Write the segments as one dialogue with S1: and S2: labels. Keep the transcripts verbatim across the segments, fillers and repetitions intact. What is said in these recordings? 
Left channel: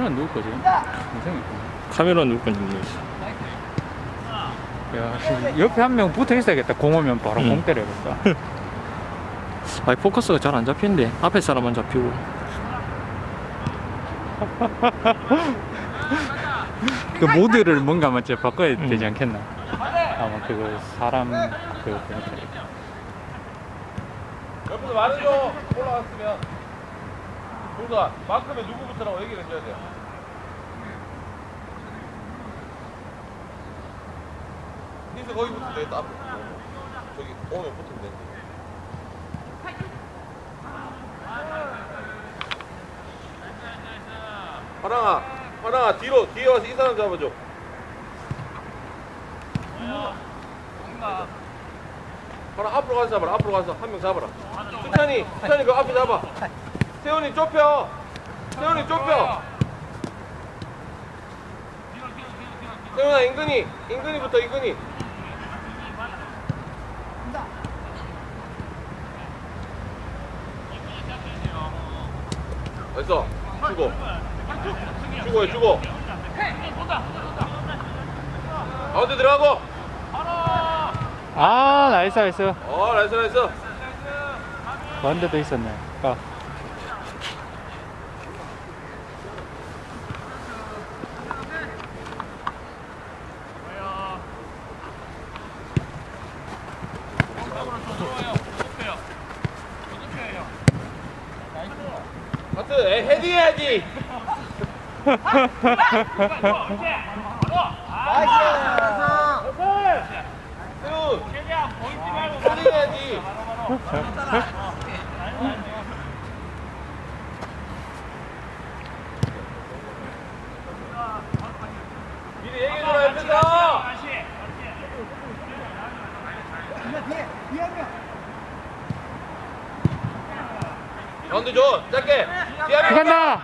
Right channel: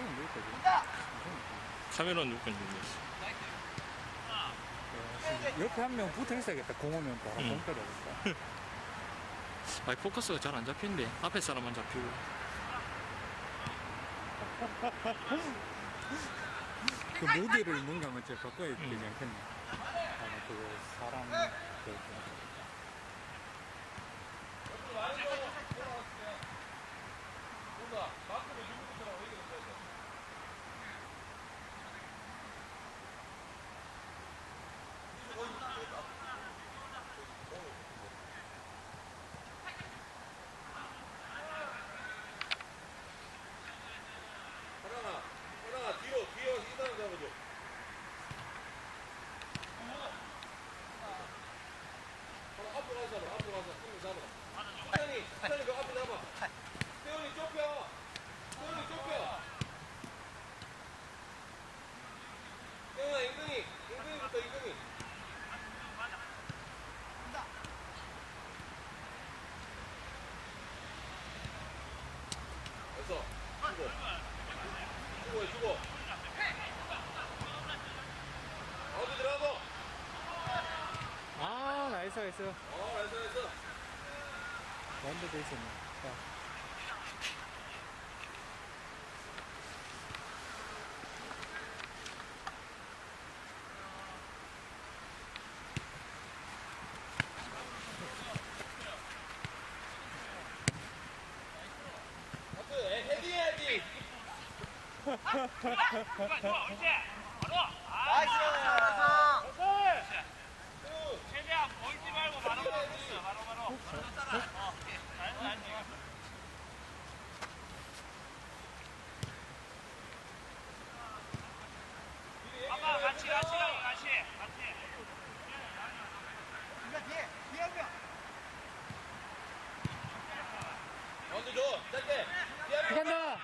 S1: 카메라는 누구 거지? 동생이 있구나.
S2: 카메라 누구 건지 모르겠어.
S1: 야, 씨, 옆에 한 명 붙어 있어야겠다. 공 오면 바로
S2: 응.
S1: 공 때려야겠다.
S2: 아니 포커스가 잘 안 잡히는데 앞에 사람만 잡히고.
S1: 그 모드를 뭔가 먼저 바꿔야
S2: 응.
S1: 되지 않겠나? 아마 그거 사람 그거 보니까.
S3: 옆에서 말해줘. 올라왔으면. 동사 마크면 누구부터라고 얘기를 해줘야 돼. 힌트 거기 붙으면 되겠다. 앞에. 저기 오면 붙으면 돼. 화랑아, 화랑아 뒤로 뒤에 와서 이 사람 잡아줘. 화랑 앞으로 가서 잡아라. 앞으로 가서 한 명 잡아라. 수찬이, 수찬이 그 앞에 잡아. 세훈이 좁혀. 세훈이 좁혀. 세훈아 인근이, 인근이부터 인근이. 됐어. 주고. 주고 해 주고. 가운데 들어가고.
S1: 아, 나이스, 나이스.
S3: 어 나이스 나이스.
S1: 가운데도 있었네. 아.
S3: 하트 에, 헤딩해야지. 세훈 헤딩해야지. 미리 얘기해줘라 옆에서. 가운데 줘 짧게. 뒤에
S1: 들어간다.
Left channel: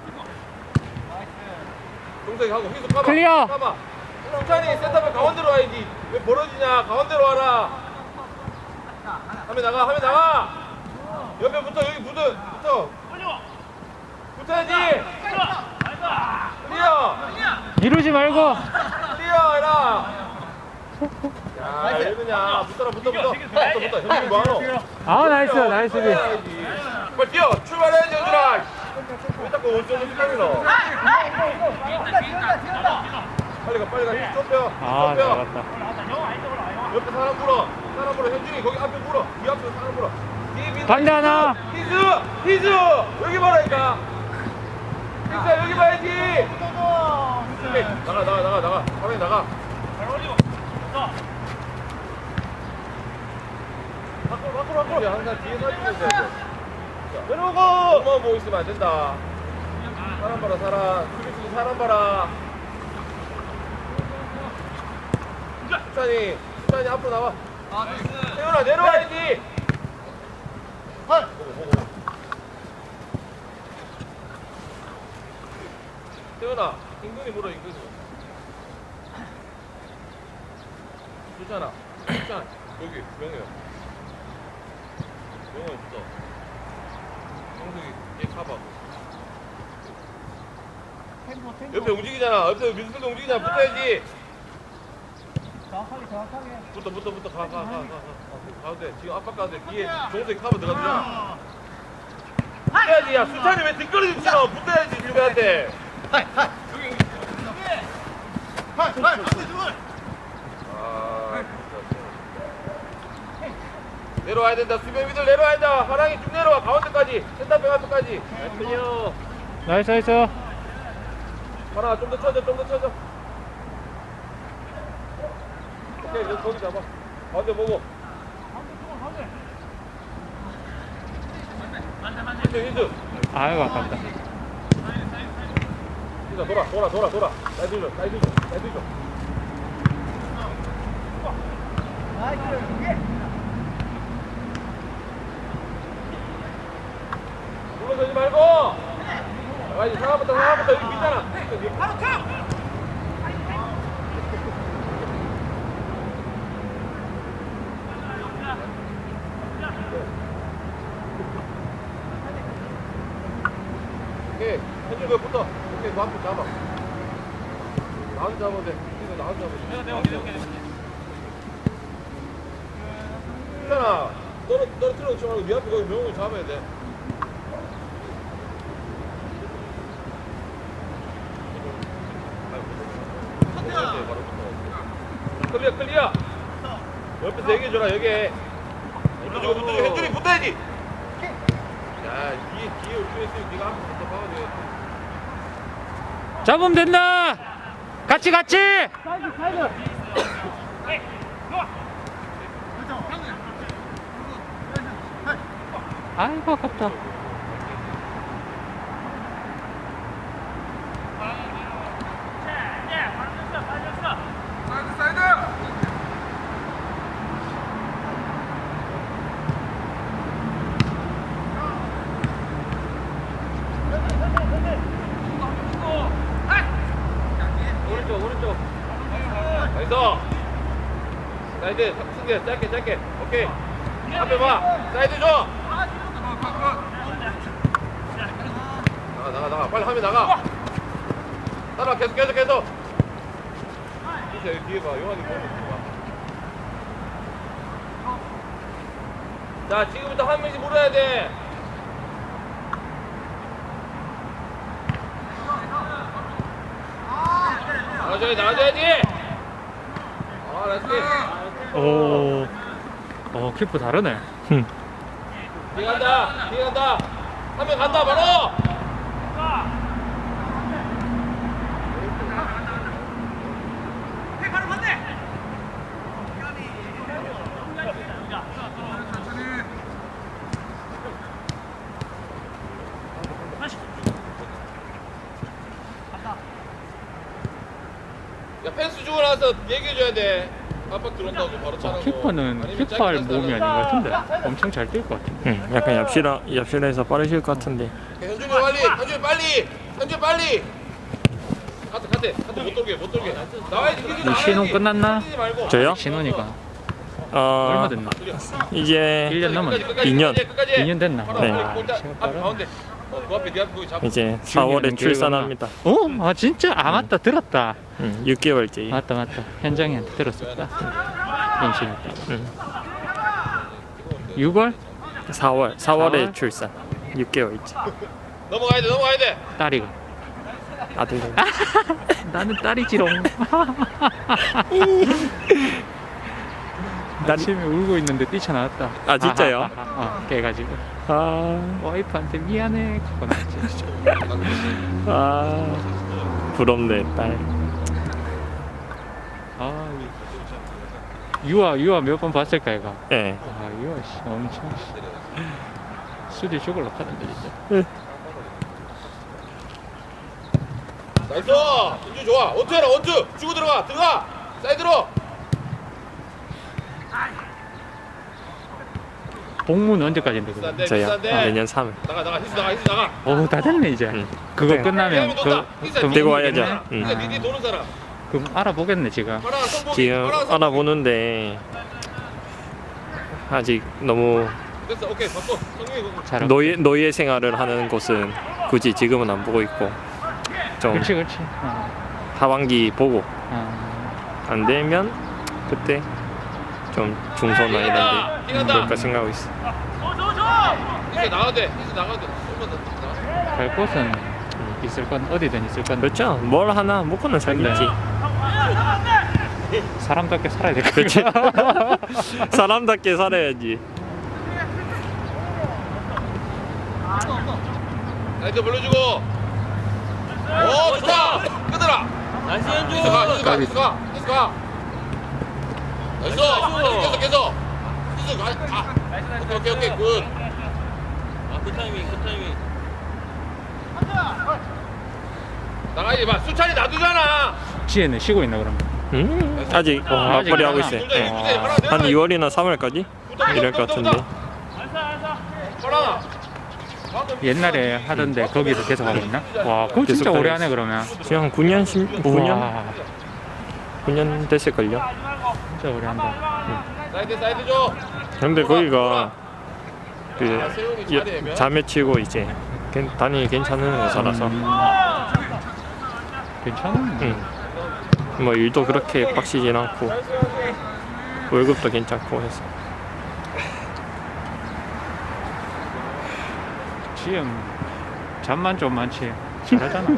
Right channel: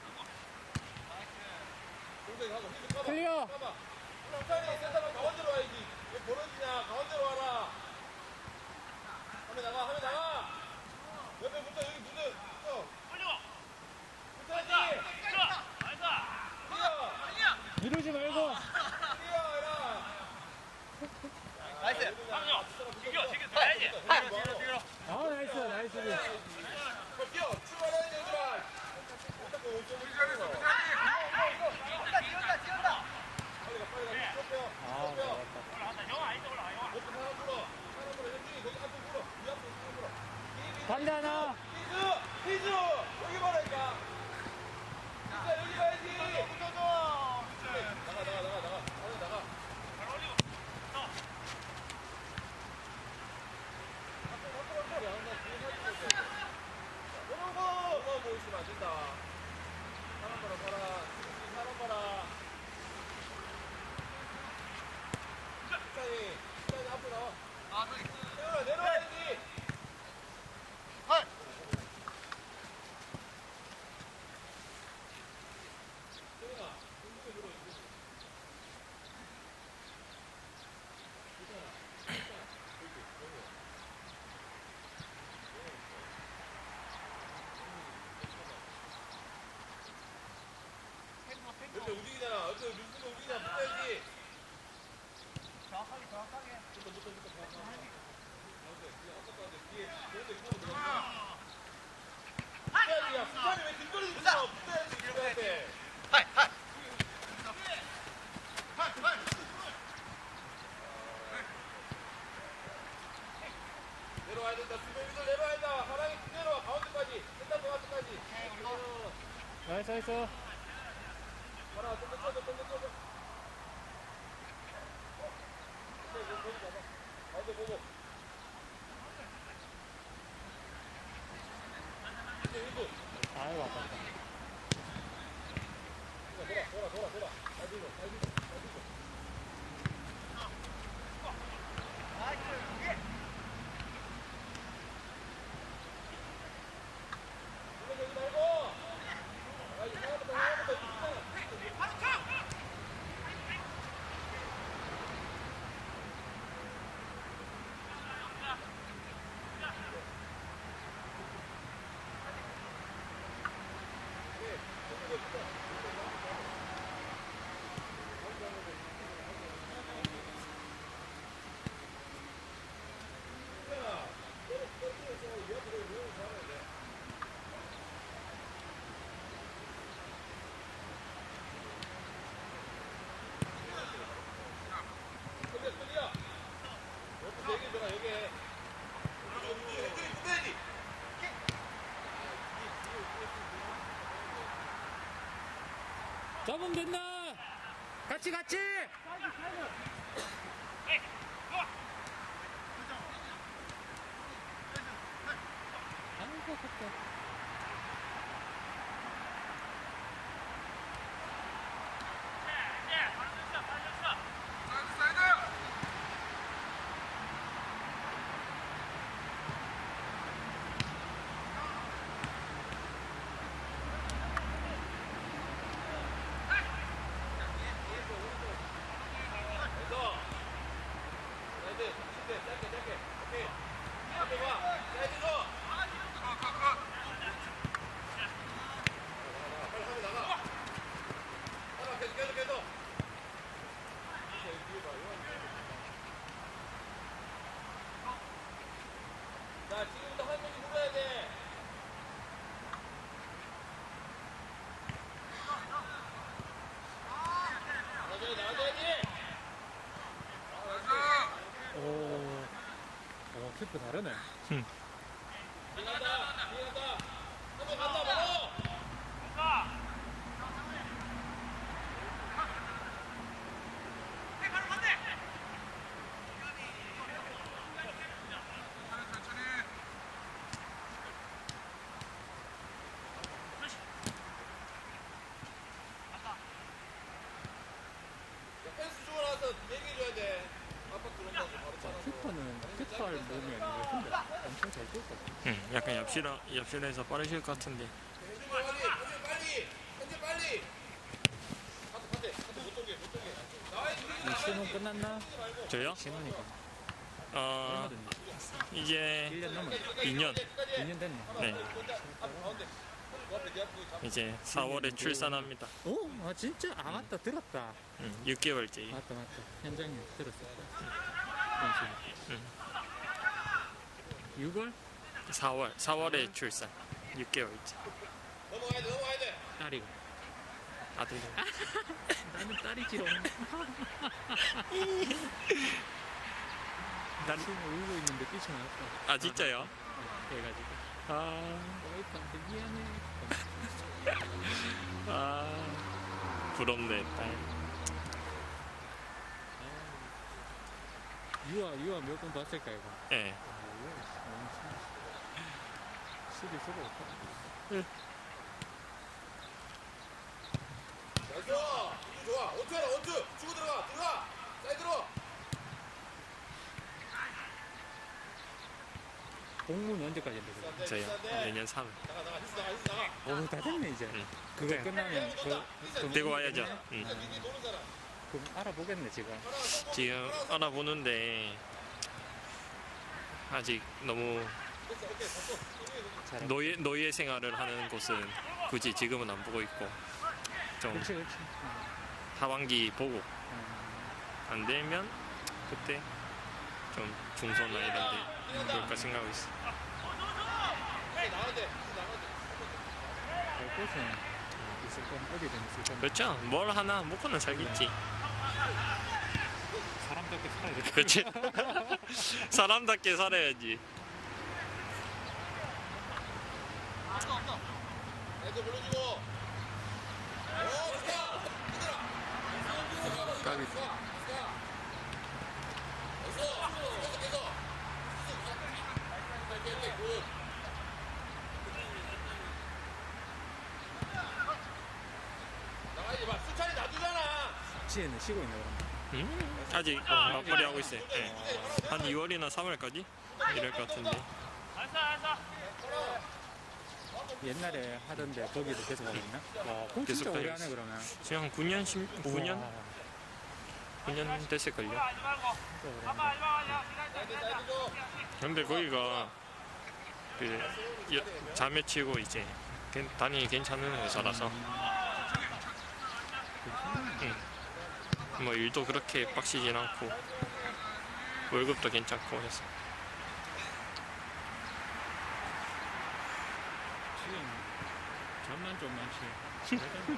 S3: 동생이 하고 휘수 까봐.
S1: 클리어.
S3: 까봐. 수찬이 센터백 가운데로 와야지. 왜 벌어지냐? 가운데로 와라. 하면 나가. 하면 나가. 옆에 붙어. 여기 붙어. 붙어. 붙어야지. 클리어.
S1: 미루지 말고.
S3: 클리어 해라. 야, 왜 그러냐. 붙어라. 붙어. 붙어. 붙어. 붙어. 형님 뭐하노?
S1: 아, 나이스, 나이스. 비.
S3: 해야지. 빨리 뛰어. 출발해야지 얘들아. 왜 자꾸 원점을 기다리노? 빨리 가. 빨리 가. 좁혀.
S1: 아,
S3: 좁혀.
S1: 잘했다.
S3: 옆에 사람 불어. 사람 불어. 현준이 거기 앞에 불어. 이 앞에 사람 불어.
S1: 반대 하나.
S3: 히즈! 히즈! 여기 봐라니까. 히즈야 여기 봐야지. 오케이. 나가 나가 나가 나가. 화면에 나가. 밖으로 밖으로 밖으로. 항상 뒤에 서있어야 돼. 내려오고. 너만 보고 있으면 안 된다. 사람 봐라 사람. 수비 사람 봐라. 수찬이 수찬이 앞으로 나와. 세훈아 내려와야지. 세훈아 인근이 물어 인근이. 주찬아 주찬 여기 명우야. 명우야 붙어. 명석이 얘 가봐. 옆에 움직이잖아. 옆에 민수도 움직이잖아. 붙어야지.
S4: 정확하게 정확하게
S3: 붙어 붙어 붙어 가 가 가 가 가운데 지금 압박 가운데 뒤에 종석이 카버 들어가잖아. 붙어야지. 야 수찬이 왜 뒷거리 있어? 붙어야지 일베한테. 아, 내려와야 된다. 수비미들 내려와야 된다. 하랑이 쭉 내려와. 가운데까지. 센터백 앞에까지. 클리어.
S1: 나이스, 나이스.
S3: 하나 좀 더 쳐줘. 좀 더 쳐줘. 오케이. 여기 거기 잡아. 가운데 보고. 힌트 힌트.
S1: 아이고, 아깝다.
S3: hinta 돌아 돌아 돌아 돌아. 사이드 줘. 사이드 줘. 사이드 줘. 물러서지 말고. 나가야지. 상하부터 상하부터 여기 밑잖아. 바로 가. 오케이. 현준 거 붙어. 오케이. 앞에 잡아. 나도 잡아도 돼. 이거 나도 잡아도 돼. 있잖아. 떨어 떨어뜨려 놓지 말고 네 앞에 거기 명훈이 잡아야 돼. 클리어 클리어. 옆에서 얘기해줘라 여기. 붙어주고 붙어주고 현준이 붙어야지. 야 뒤에 뒤에 우측에 있으면 네가 앞에 붙어 박아줘야지.
S1: 잡으면 된다. 같이 같이.
S4: 사이드 사이드.
S1: 아이고 아깝다.
S3: 오른쪽 오른쪽. 나이스. 사이드 승대 짧게 짧게. 오케이. 앞에 봐. 사이드 줘. 나가 나가 나가. 빨리 하면 나가. 따라 계속 계속 계속. 진짜 여기 뒤에 봐. 용환이 보고. 자 지금부터 한 명씩 물어야 돼. 나와줘야지 나와줘야지. 아 나이스.
S1: 오. 어 키퍼 다르네.
S2: 흠.
S3: 뒤에 간다 뒤에 간다. 한 명 간다 바로. 야 펜스 주고 나서 얘기해줘야 돼. 깜빡 들어온다고 바로 차라고.
S1: 어, 키퍼는 키퍼할 몸이 아닌 것 같은데 엄청 잘 뛸 것 같아.
S2: 응, 약간 옆실화 옆실에서 빠르실 것 같은데.
S3: 현준이 빨리 현준이 빨리 현준이 빨리. 카트 카트 카트 못 돌게 못 돌게. 나와야지 기준
S1: 이
S3: 나와야지.
S1: 신혼 끝났나?
S3: 뛰지 말고.
S2: 저요?
S1: 신혼이가
S2: 어
S1: 얼마 됐나?
S2: 이제
S1: 일 년 넘었네.
S3: 끝까지, 끝까지,
S2: 이 년.
S3: 끝까지, 끝까지.
S1: 이 년 됐나?
S2: 네.
S3: 아, 골대 앞 가운데. 어, 그 앞에 네 앞에 거기 잡고.
S2: 이제 사월에 출산합니다.
S1: 어? 아 진짜? 아 맞다 들었다.
S2: 응, 육 개월째.
S1: 맞다 맞다. 현장이한테 들었었다. 임신.
S2: 응.
S1: 유월?
S2: 사월 사월에
S1: 사월?
S2: 출산. 육 개월째.
S3: 넘어가야 돼 넘어가야 돼.
S1: 딸이가.
S2: 아들.
S1: 나는 딸이지롱. 아침에 울고 있는데 뛰쳐나왔다.
S2: 아, 진짜요?
S1: 아, 아, 아, 아, 깨가지고
S2: 아,
S1: 와이프한테 미안해. 그거 나왔지.
S2: 아, 부럽네 딸.
S1: 아, 유아 유아 몇 번 봤을까 얘가.
S2: 예.
S1: 아 유아 씨 엄청 씨. 수리 죽을라 하던데 진짜.
S3: 나이스. 인주 좋아. 원투 해라 원투. 주고 들어가 들어가. 사이드로.
S1: 복무는 언제까지인데 그거?
S3: 비싼데
S2: 저요.
S3: 비싼데.
S2: 내년 삼월.
S3: 나가 나가 히스 나가 히스 나가.
S1: 어다 됐네 이제.
S2: 응.
S1: 그거
S2: 네.
S1: 끝나면 그 그
S2: 되고 와야죠. 응.
S3: 근데 니네 도는 사람.
S1: 그럼 알아보겠네 지금.
S3: 하나 성공이.
S2: 지금
S3: 하나 성공이.
S2: 알아보는데 아직 너무
S3: 됐어 오케이 바꿔. 성공이 그거.
S1: 잘.
S2: 노예 노예 생활을 하는 곳은 굳이 지금은 안 보고 있고 좀
S1: 그렇지 그렇지. 어.
S2: 하반기 보고
S1: 어.
S2: 안 되면 그때 좀 중소나 이런데 볼까 생각하고 있어.
S3: 히스 나가도 돼. 히스 나가도 돼. 조금만 더 나가.
S1: 갈 곳은 있을 건 어디든 있을 건.
S2: 그렇죠. 뭘 하나 먹고는 살겠지.
S1: 사람답게 살아야 될
S2: 그렇지.
S1: 거야.
S2: 사람답게 살아야지.
S3: 사이드 불러주고. 오 좋다. 끄더라. 나이스 현주. 히스 가 히스 가 히스 가 히스 가. 나이스. 계속 계속. 히스 가. 아. 오케이 오케이 오케이 굿. 아그 타이밍 그 타이밍. 나가야지 봐. 수찬이 놔두잖아.
S1: 지혜는 쉬고 있나 그러면?
S2: 음, 아직
S1: 어, 아직
S2: 맞벌이 하고
S1: 하나.
S2: 있어요. 예. 한 이월이나 삼월까지 이럴 것 같은데.
S3: 하나.
S1: 옛날에 하던데 거기서 계속 하고 있나? 와 그럼 진짜
S2: 계속
S1: 오래
S2: 다녔어.
S1: 하네 그러면.
S2: 지금 한 구 년, 십, 구 년,
S1: 우와,
S2: 구 년 됐을걸요.
S1: 진짜 오래 한다.
S3: 사이드 사이드 줘.
S2: 근데 거기가 그 여- 자매 치고 이제 괜- 다니기 괜찮은 회사라서
S1: 음, 괜찮은데.
S2: 응. 뭐 일도 그렇게 빡시진 않고 월급도 괜찮고 해서.
S1: 지금 잠만 좀 많지 잘하잖아.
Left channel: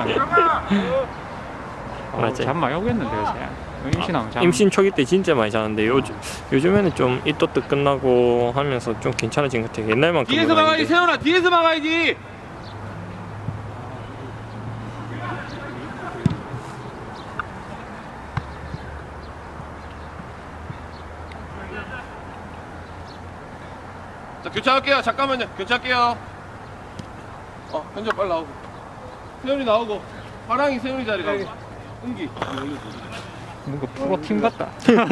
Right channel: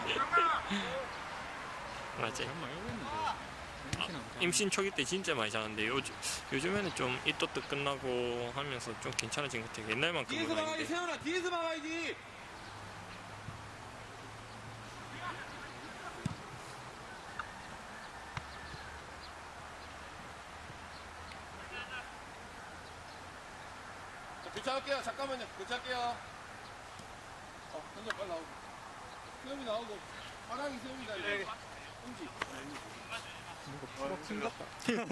S1: 어,
S2: 맞지.
S1: 잠 많이 오겠는데 요새. 임신하면 잠.
S2: 임신 초기 때 진짜 많이 자는데 요즘 요즘에는 좀 이또뜻 끝나고 하면서 좀 괜찮아진 것 같아요. 옛날만큼
S3: 뒤에서 막아야지 세훈아 뒤에서 막아야지. 자 교체할게요. 잠깐만요. 교체할게요. 어 현재 빨리 나오고 세훈이 나오고 화랑이 세훈이 자리 가고 은기
S1: 뭔가 프로팀 같다.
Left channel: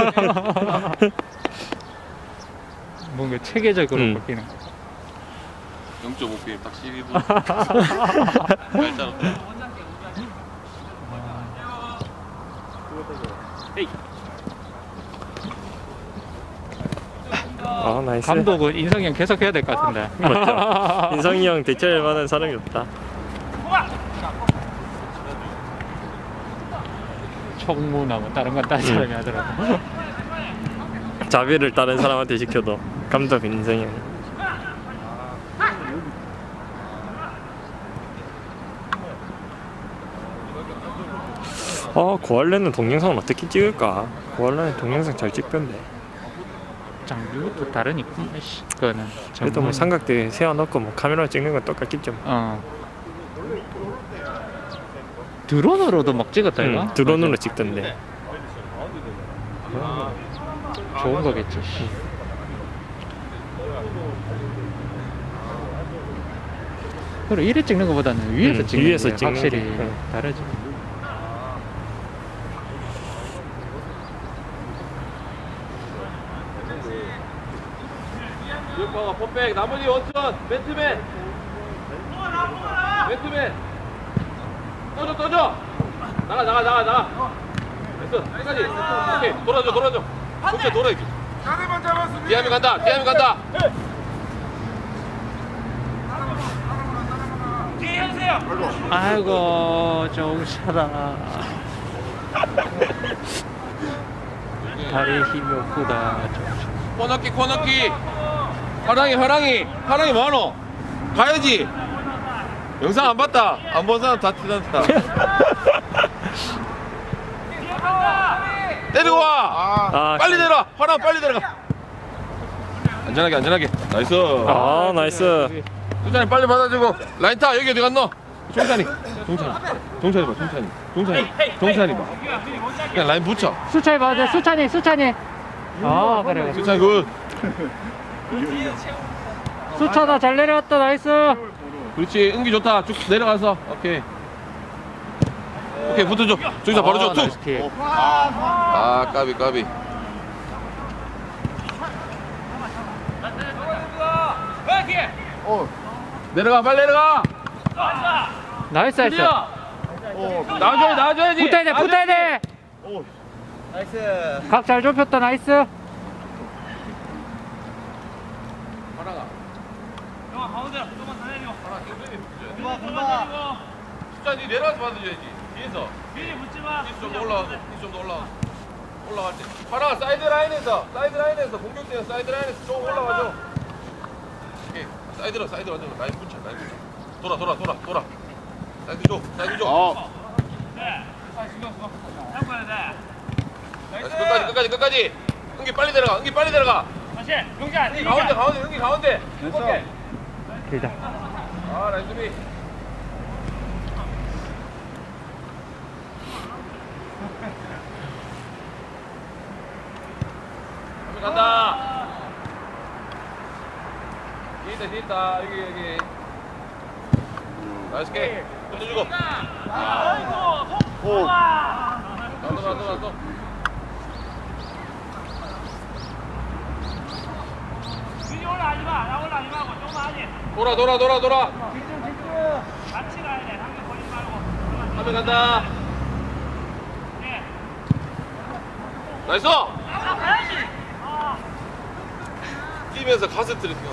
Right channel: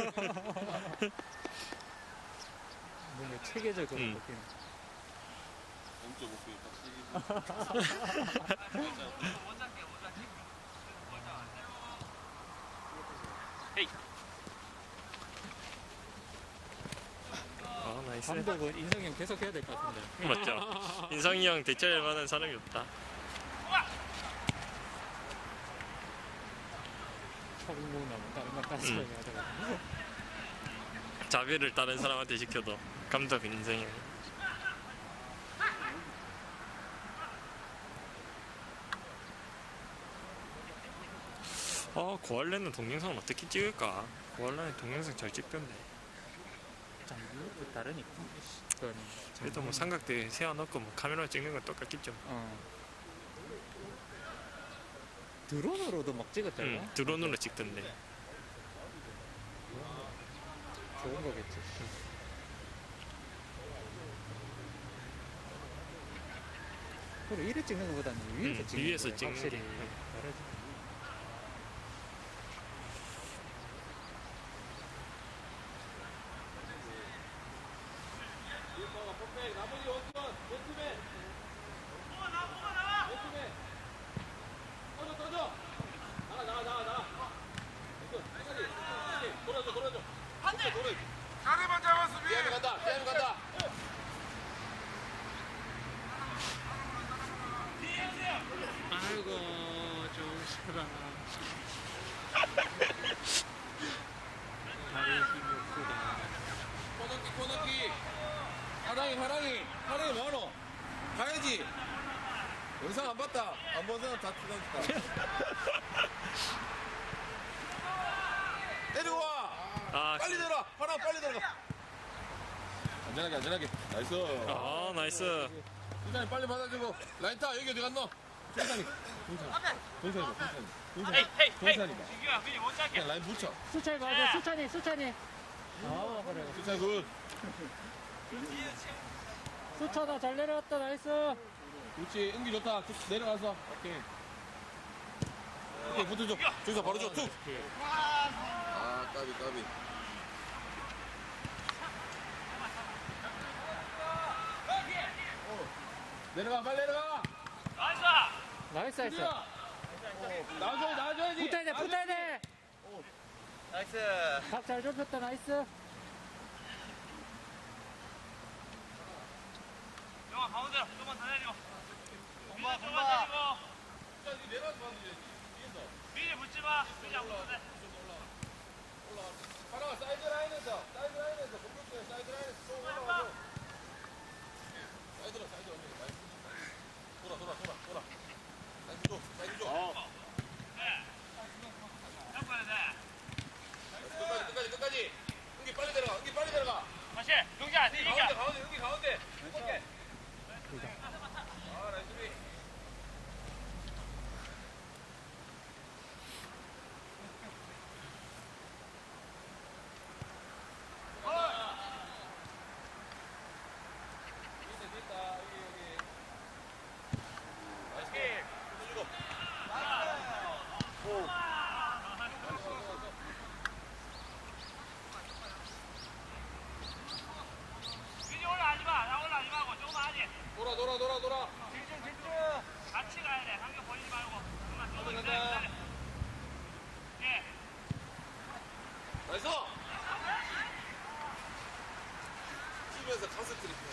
S1: 뭔가 체계적으로
S2: 음.
S1: 바뀌는.
S3: 영 점 오 게임 딱 십이 분 잘 짜놨다.
S2: 아 나이스.
S1: 감독은 인성이 형 계속 해야 될 것 같은데.
S2: 맞죠. 인성이 형 대체할 만한 사람이 없다.
S1: 총무나 뭐 다른 건 다른 사람이 하더라고.
S2: 자비를 다른 사람한테 시켜도 감독 인성이 형. 아 고할래는 동영상은 어떻게 찍을까? 고할래는 동영상 잘 찍던데.
S1: 장비부터 다르니까. 씨, 그거는.
S2: 그래도 뭐
S1: 전문-
S2: 삼각대 세워놓고 뭐 카메라 찍는 건 똑같겠죠.
S1: 어. 드론으로도 막 찍었다 이거?
S2: 응, 드론으로 찍던데.
S1: 좋은 거겠지. 씨. 그리고 이래 찍는 것보다는 위에서
S2: 응,
S1: 찍는
S2: 위에서
S1: 게
S2: 찍는
S1: 확실히
S2: 게, 응.
S1: 다르지.
S3: 유파가 퍼펙 나머지 원천 맨투맨 맨투맨 떠줘 떠줘 나가 나가 나가 나가 됐어 끝까지 오케이 돌아줘 돌아줘 오케이 돌아 이렇게 기아미 간다 기아미 간다
S1: 아이고 정샤라. 다리 힘이 없구나. 정샤.
S3: 코너키 코너키 화랑이 화랑이 화랑이 뭐하노 가야지 영상 안 봤다 안 본 사람 다 티난다 때리고 와
S2: 아,
S3: 빨리 내려와 화랑 빨리 내려가 안전하게 안전하게 나이스
S2: 아 나이스.
S3: 수찬이 빨리 받아주고 라인 타 여기 어디 갔노 종찬이 종찬이 종찬이 봐 종찬이 종찬이 종찬이 봐 그냥 라인 붙여
S1: 수찬이 맞아. 수찬이 수찬이. 아 그래.
S3: 수찬이 굿
S1: 수찬아 잘 내려왔다. 나이스.
S3: 그렇지 은기 좋다 쭉 내려가서 오케이 오케이 붙어줘 저기서 바로
S1: 아,
S3: 줘
S1: 나이스
S3: 툭.
S1: 킥.
S3: 아 까비 까비 내려가 빨리 내려가
S1: 나이스 나이스.
S3: 드디어 나와줘야지 나와줘야지
S1: 붙어야 돼 붙어야 돼.
S4: 나이스.
S1: 각 잘 좁혔다. 나이스.
S3: 하나가
S4: 금방 금방.
S3: 수찬이 내려가서 받아줘야지 뒤에서 뒤에 좀 더 올라가서 뒤에 좀더 올라가 올라갈 때 하나가 사이드 라인에서 사이드 라인에서 공격대는 사이드 라인에서 좀 올라가줘 오케이 사이드로 사이드로 완전 라인 붙여 라인 붙여 돌아 돌아 돌아 돌아 사이드 줘 사이드 줘 나이스, 끝까지 끝까지 끝까지 은기 빨리 내려가 은기 빨리 내려가 은기 가운데 가운데 은기 가운데 오케이
S1: 길다.
S3: 아 라인 수비 간다 뒤에 있다 뒤에 있다 여기 여기 나이스 게임 던져주고
S4: 오.
S3: 나도 나도 나도 돌아 돌아 돌아 돌아 한명 간다 나이스 뛰면서 가스 트리핑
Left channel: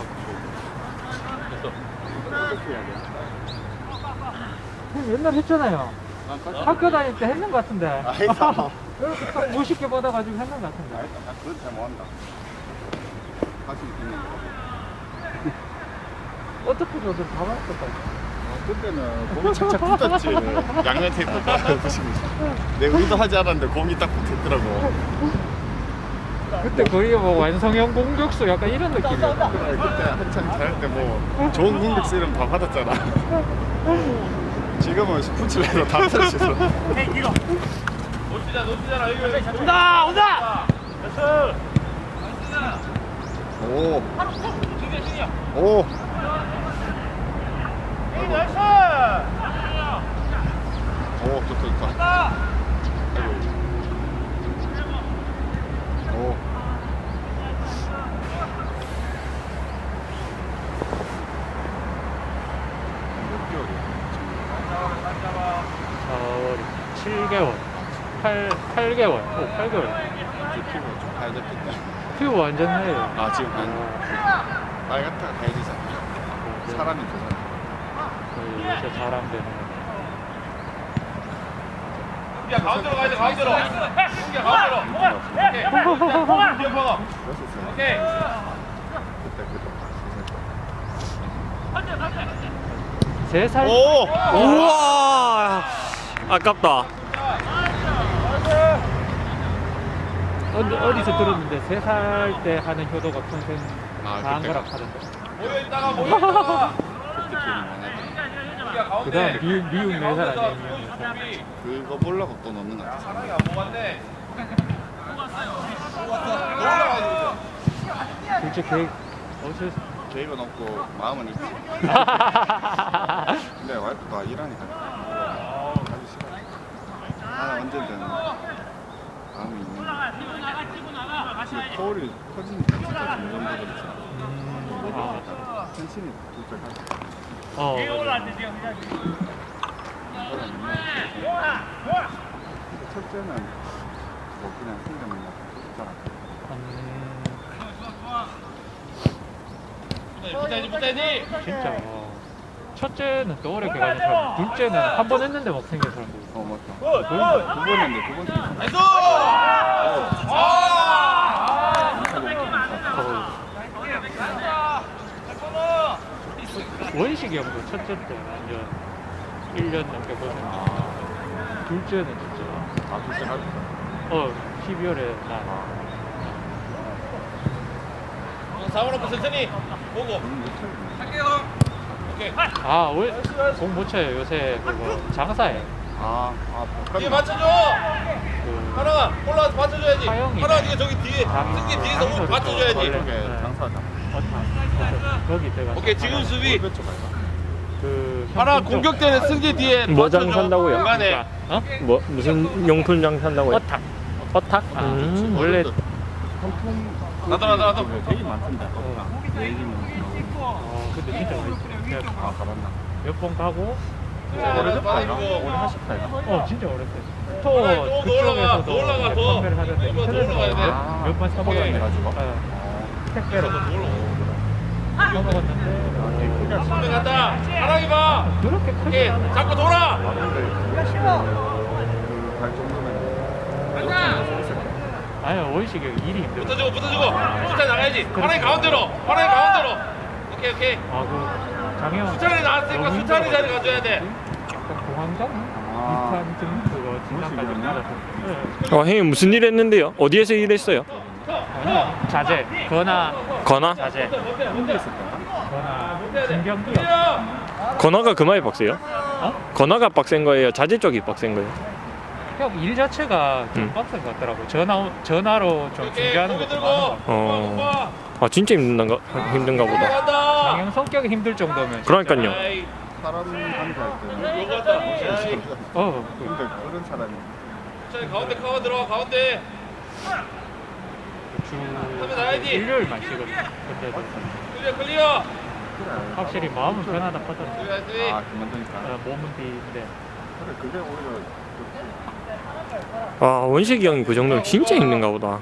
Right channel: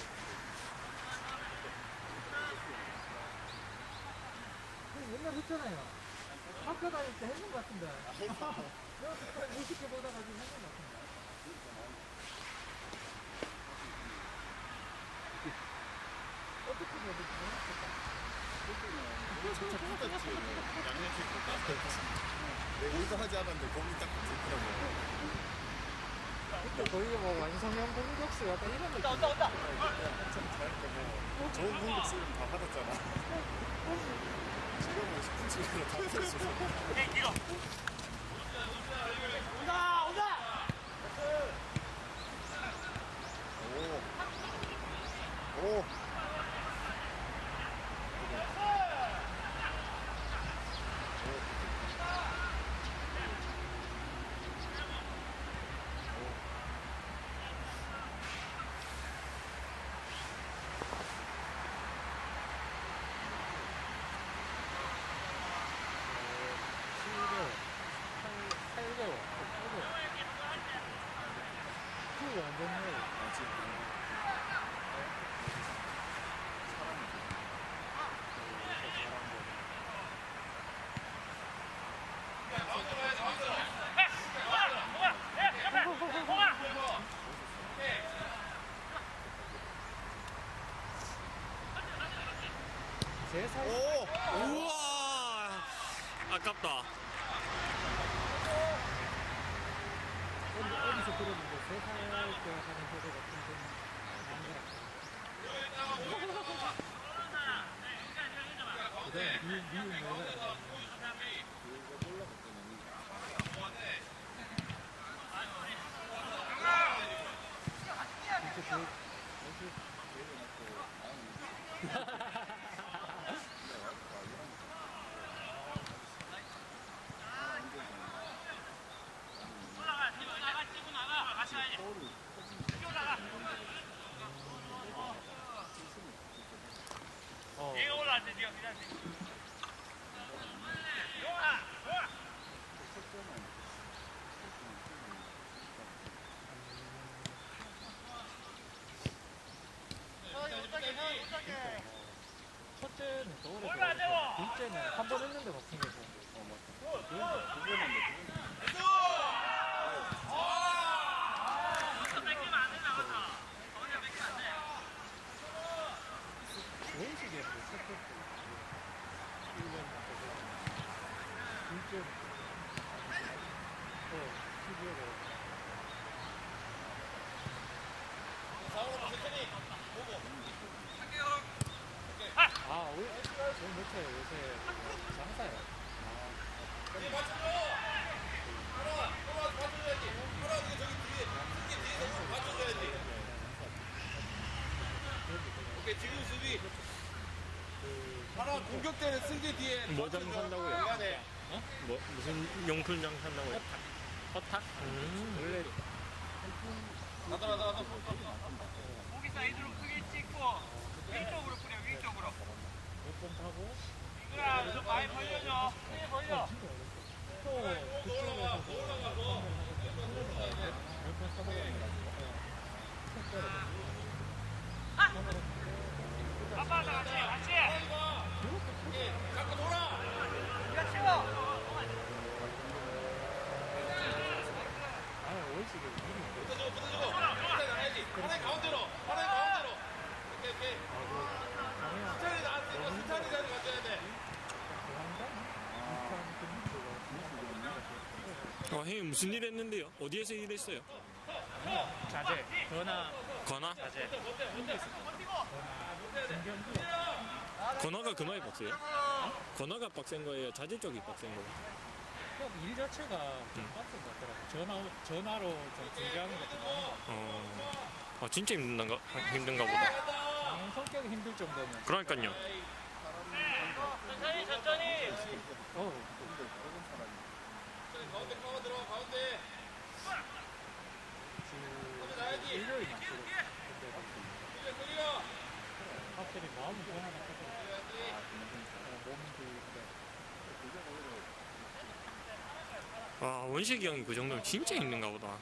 S1: 옛날 했잖아요. 학교 다닐 때 했는 것 같은데.
S5: 아이다.
S1: 이렇게 딱 무식게 받아가지고 했는 것 같은데.
S5: 아이다. 나 그건 잘 못한다. 다시 그냥.
S1: 어떻게 저들 다 맞았을까?
S5: 그때는 공이 착착 붙었지. 양면 테이프 붙이고. 내 의도 하지 않았는데 공이 딱 붙었더라고.
S1: 그때 거의 뭐 완성형 공격수 약간 이런 느낌이었는데.
S5: 그때 한참 잘할 때 뭐 좋은 공격수 이름 다 받았잖아. 지금은 스포츠에서 다 터졌어.
S3: 놓치자 놓치잖아 이거.
S4: 온다 온다.
S5: 오. 오. 오, 좋다, 좋다. 오.
S1: 어, 칠 개월, 팔, 팔 개월, 오, 팔 개월.
S5: 가야 될 텐데.
S1: 퓨 완전 해요.
S5: 아, 지금 한 빨갛다가 가야 되잖아. 사람이 좋아.
S1: 거의 요새 사람 되는.
S3: 야 가운데로 가야 돼 가운데로. 야 가운데로. 오케이. 오케이.
S1: 세 살?
S3: 오.
S2: 우와 아깝다.
S1: 어디, 어디서 들었는데 세 살 때 하는 효도가 평생
S5: 아,
S1: 다한
S5: 그때?
S1: 거라 하던데.
S3: 모여 있다가 모여 있다가.
S5: 그때 기억이 많아.
S1: 그 다음 미국, 미국 네 살 아니에요, 미국 네 살.
S5: 그거 보려고 또 넣는 거 같아.
S3: 사랑이 안 먹었네.
S1: 둘째 계획 어쩔 수
S5: 계획은 없고 마음은 있지. 근데 와이프가 일하니까 하기 싫어. 나는 언제든 마음이 있는 거. 서울이 커지니까 진짜 중요한 거겠지.
S1: 음, 아,
S5: 텐션이 불편하지.
S1: 어, 맞아.
S5: 첫째는 뭐 그냥 생각만 좋잖아.
S1: 음,
S3: 붙어야지 붙어야지.
S1: 진짜. 어. 첫째는 또 어렵게 가는 사람, 둘째는 한 번 했는데 막 생긴 사람도 있어.
S5: 어 맞다. 두 번인데 두 번째.
S3: 나이스.
S1: 원식이 형도 첫째 때 완전 일 년 넘게 고생했어. 둘째는 진짜
S5: 아 둘째 할
S1: 어 십이월에 나
S3: 사원하고 천천히 보고. 오케이.
S1: 아, 공못 쳐요. 요새 그거 장사해.
S5: 아, 아,
S3: 뒤에
S5: 복합이
S3: 맞춰줘.
S1: 그
S3: 하나가 올라와서 맞춰줘야지.
S1: 하영이.
S3: 하나가 네가 저기 뒤에
S1: 장-
S3: 승기 뒤에서
S1: 장소를
S3: 오면 맞춰줘야지.
S1: 좀
S5: 저쪽에
S1: 네.
S5: 장사하자.
S1: 어떤 거기 때가
S3: 오케이 지금 수비.
S5: 골배쪽 갈까?
S1: 그
S3: 하나
S1: 형
S3: 공격 때는 승기 뒤에
S2: 뭐
S3: 맞춰줘.
S2: 장사한다고요?
S3: 중간에.
S1: 어?
S2: 뭐 무슨 용품 장사한다고요?
S1: 어탁. 어탁? 아,
S2: 음.
S1: 원래
S5: 상품
S3: 나도, 나도, 나도.
S5: 되게 많던데.
S1: 어 근데 진짜 오래
S5: 아, 가봤나?
S1: 몇번 가고
S5: 오래됐다 이거.
S3: 받아주고.
S5: 오래 하셨다 이거.
S1: 어 진짜 오래됐어.
S3: 더
S1: 또
S3: 올라가,
S1: 그쪽에서도
S3: 더 올라가, 더.
S1: 판매를 하는데
S3: 이거 더
S1: 인터넷에서
S3: 올라가야 돼.
S5: 아,
S1: 몇번
S5: 오케이.
S1: 사먹었네.
S5: 해가지고?
S1: 어, 택배로 사먹었는데
S3: 승리 간다. 하랑이 봐.
S1: 그렇게 크지
S3: 오케이
S1: 않아.
S3: 잡고 돌아.
S5: 갈 정도면
S1: 아니 원식이 형이 일이 힘들어.
S3: 붙어주고 붙어주고. 수찬이 나가야지. 하랑이 가운데로. 하랑이 가운데로. 오케이 오케이.
S1: 아그 장영
S3: 수찬이 나왔으니까 수찬이 자리 가져야 돼.
S1: 공황장?
S5: 아.
S1: 비슷한 등 그거 진단까지
S5: 원식이 형이야?
S1: 받았어. 네.
S2: 어, 형님 무슨 일 했는데요? 어디에서 일했어요?
S1: 아니 자제 건화
S2: 건화?
S1: 자제
S5: 혼자 있었다.
S1: 건화
S3: 못해야 돼.
S1: 진경기업
S3: 뛰어.
S2: 건화가 그만이 빡세요?
S1: 어?
S2: 건화가 빡센 거예요? 자재 쪽이 빡센 거예요?
S1: 형 일 자체가 좀
S2: 음.
S1: 빡센 것 같더라고. 전화 전화로 좀
S3: 오케이
S1: 중계하는
S3: 고개
S1: 것도
S3: 들고.
S1: 많은 것 같아.
S2: 어. 아 진짜 힘든가 힘든가 보다.
S3: 간다.
S1: 장영 성격이 힘들 정도면
S2: 그러니까요.
S3: 아이,
S5: 사람 강사할 때는
S3: 이거 갔다. 아이,
S1: 어 그,
S5: 근데 그런 사람이
S3: 수찬이 가운데 커버 들어가 가운데.
S1: 주
S3: 하면 나야지.
S1: 일요일만 쉬거든. 그때도
S3: 클리어 클리어.
S1: 확실히 마음은 편하다 하더라고.
S3: 그래야지.
S5: 아 그만두니까.
S1: 어, 몸은 비인데
S5: 그래 그게 오히려
S2: 아 원식이 형이 그 정도면 진짜 힘든가 보다.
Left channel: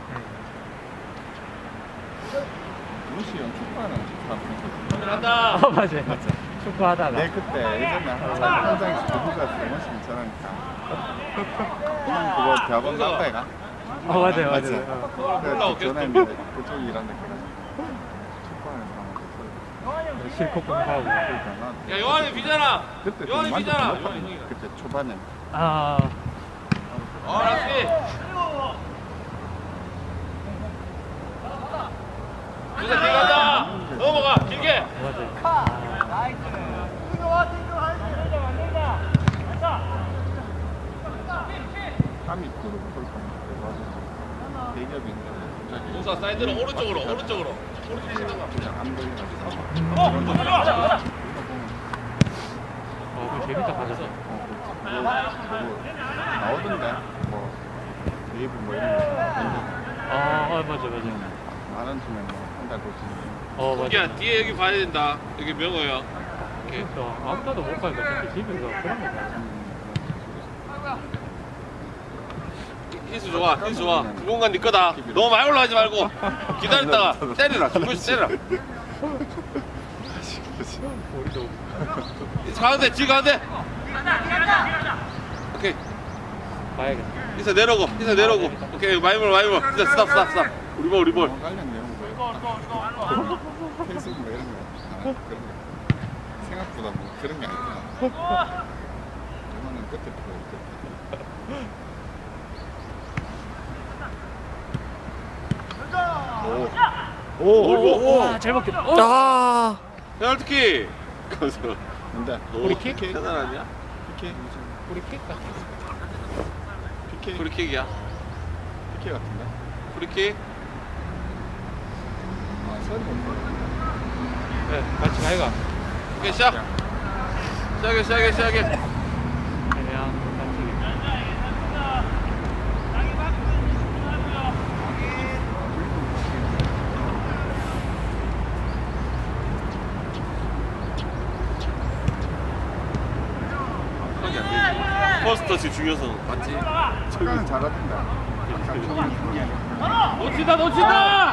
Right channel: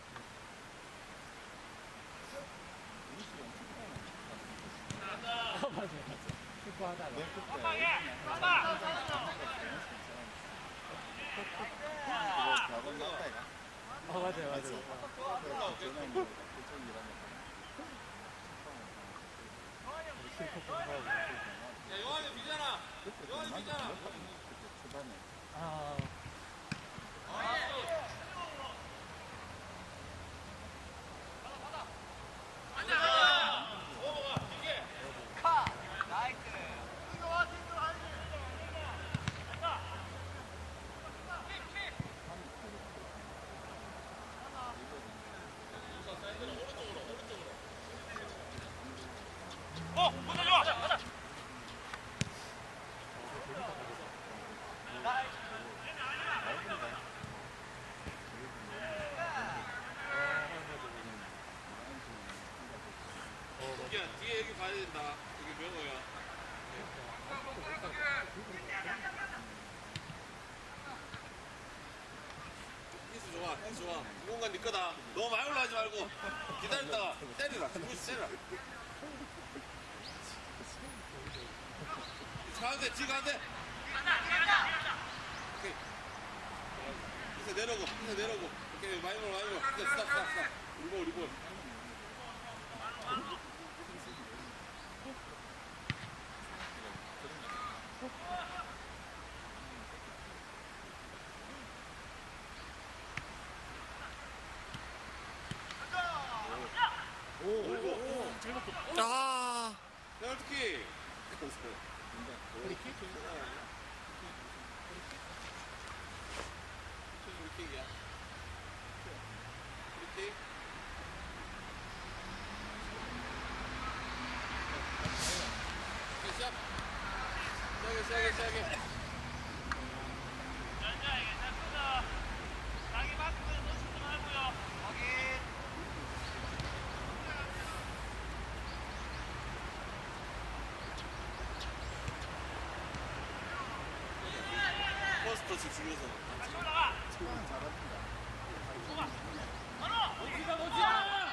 S5: 무시 형 축구하는 축구하는
S3: 간다.
S1: 어 맞아. 축구하다가
S5: 내 그때 예전에 한 장씩 들고 가서 무시 있잖아. 형 그거 대학원 간 거야?
S1: 아 맞아요
S5: 맞지?
S1: 맞아요. 어.
S5: 그래서 전화했는데 그쪽 일하는 거야. 축구하는
S1: 실컷 공부하고.
S5: 사람.
S3: 야 요한이 비잖아.
S5: 그때 좀
S3: 요한이
S5: 만족
S3: 비잖아.
S5: 높았네. 그때 초반에.
S1: 아
S3: 어 라스비. 진짜 길 간다. 넘어가 길게.
S1: 맞아요.
S5: 땀이 푸르고 그럴 거야. 대기업인데 갑자기
S3: 동사 사이드로 오른쪽으로 오른쪽으로.
S5: 그냥 안 보이가지고.
S1: 어, 그 재밌다 가져서.
S5: 나오던데 뭐 웨이브 뭐 이런 거
S1: 아, 아 맞아 맞아.
S5: 만원 주면 뭐한달 거지.
S1: 어 맞아.
S3: 야 뒤에 여기 봐야 된다. 여기 명호야.
S1: 그러니까 아무데도 못 가니까 진짜 집에서 그런 거 봐.
S3: 히스 좋아, 히스 좋아. 그 공간 네 거다. 너무 많이 올라가지 말고 기다렸다가 때리라. 두번씩 때리라.
S1: 우리도
S3: 가운데, 뒤 가운데. 오케이.
S1: 봐야겠다.
S3: 히스 내려오고, 히스 내려오고. 오케이, 마이볼, 마이볼. 히스 스탑, 스탑, 스탑. 우리 볼, 우리 볼.
S5: 관련돼요. 펜싱 뭐 이런 거. 그런 거. 생각보다 뭐 그런 게 아니구나. 이거는 끝에 보고
S3: 오, 오,
S1: 와, 잘 먹겠다. 어?
S2: 아
S3: 페널티킥. 그래서
S5: 근데
S3: 우리킥? 대단 아니야?
S5: 피케
S1: 우리 킥 같아.
S5: 피케
S3: 프리킥이야.
S5: 피케 같은데.
S3: 프리킥.
S5: 아 서리 없네.
S1: 네, 같이 가이가.
S3: 오케이 시작. 시작해, 시작해, 시작해.
S1: 그냥
S3: 포스터치 중요서 맞지?
S5: 축구는 잘하던데.
S3: 놓친다, 놓친다.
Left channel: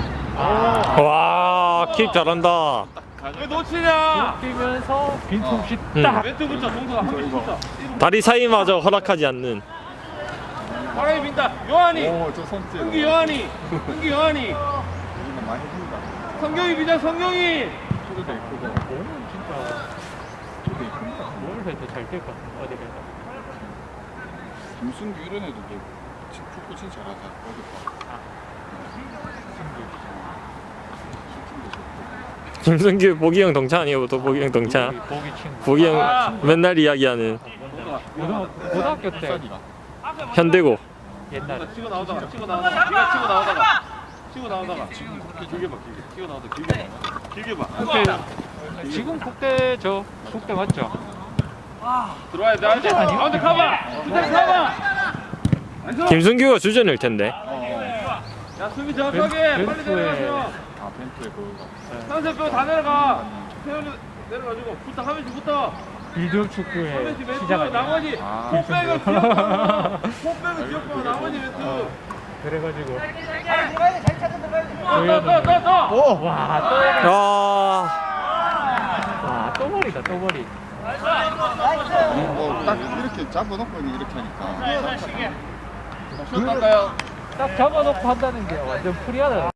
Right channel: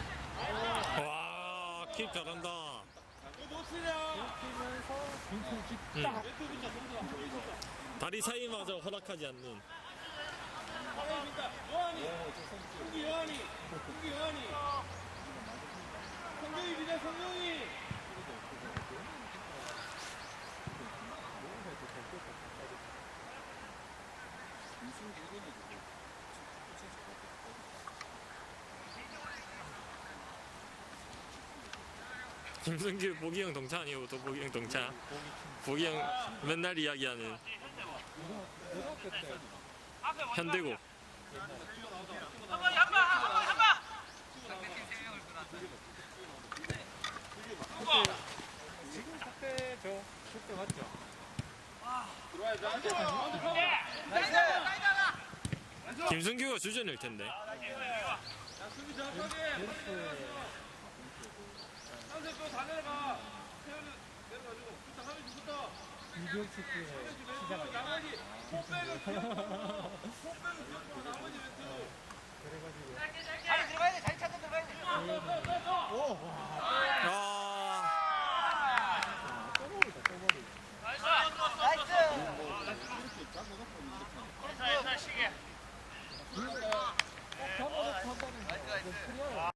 S2: 와킥 잘한다.
S3: 왜 놓치냐?
S1: 뛰면서 빈틈없이
S2: 응.
S1: 딱.
S3: 멘트부터 동서가 한 명씩 붙어.
S2: 다리 사이마저 허락하지 않는.
S3: 바람이 빈다. 요한이.
S5: 오저 손짓.
S3: 흥기 요한이. 흥기 요한이.
S5: 우리는 많이 본다.
S3: 성경이 비자 성경이.
S5: 소리도 있고
S1: 몸은 진짜
S5: 소리도 있고.
S1: 뭘 해도 잘 될 것 같아. 어디 가서.
S5: 김순규 이런 애도 뭐 축구 진짜 잘하다. 어디 봐.
S2: 김승규 보기 형 동차 아니에요? 또 보기 형 동차.
S1: 보기, 보기 친구.
S2: 보기 형 맨날 이야기하는
S1: 고등학교, 고등학교 때
S2: 현대고.
S1: 옛날에.
S3: 치고 나오다가 치고 나오다가 네가 치고 나오다가 치고 나오다가 길게 봐 길게 치고 나오다가 길게 봐 길게 봐.
S1: 그때 지금 국대 저 국대 맞죠?
S3: 들어와야 돼. 알지? 가운데 가봐. 주장 가봐.
S2: 김승규가 주전일 텐데.
S3: 야 수비 정확하게
S1: 벤-
S3: 빨리
S1: 벤투에-
S3: 내려가세요.
S5: 아 벤투에 그거.
S3: 상세 빼고 다 내려가. 태연이 내려가지고 붙어 한 명씩 붙어.
S1: 빌드업
S3: 한
S1: 축구의
S3: 명씩 멘트
S1: 시작 아니야?
S3: 나머지
S5: 아,
S3: 포백을 기억하고 포백을 기억하고 나머지 멘트.
S1: 그래가지고
S3: 또또또또
S5: 오.
S1: 와, 또
S2: 아
S1: 와, 또 머리다, 또 머리.
S5: 뭐딱 이렇게 잡아놓고 이렇게 하니까.
S3: 슛 갈까요?
S1: 딱 잡아놓고 한다는 게 완전 프리하다.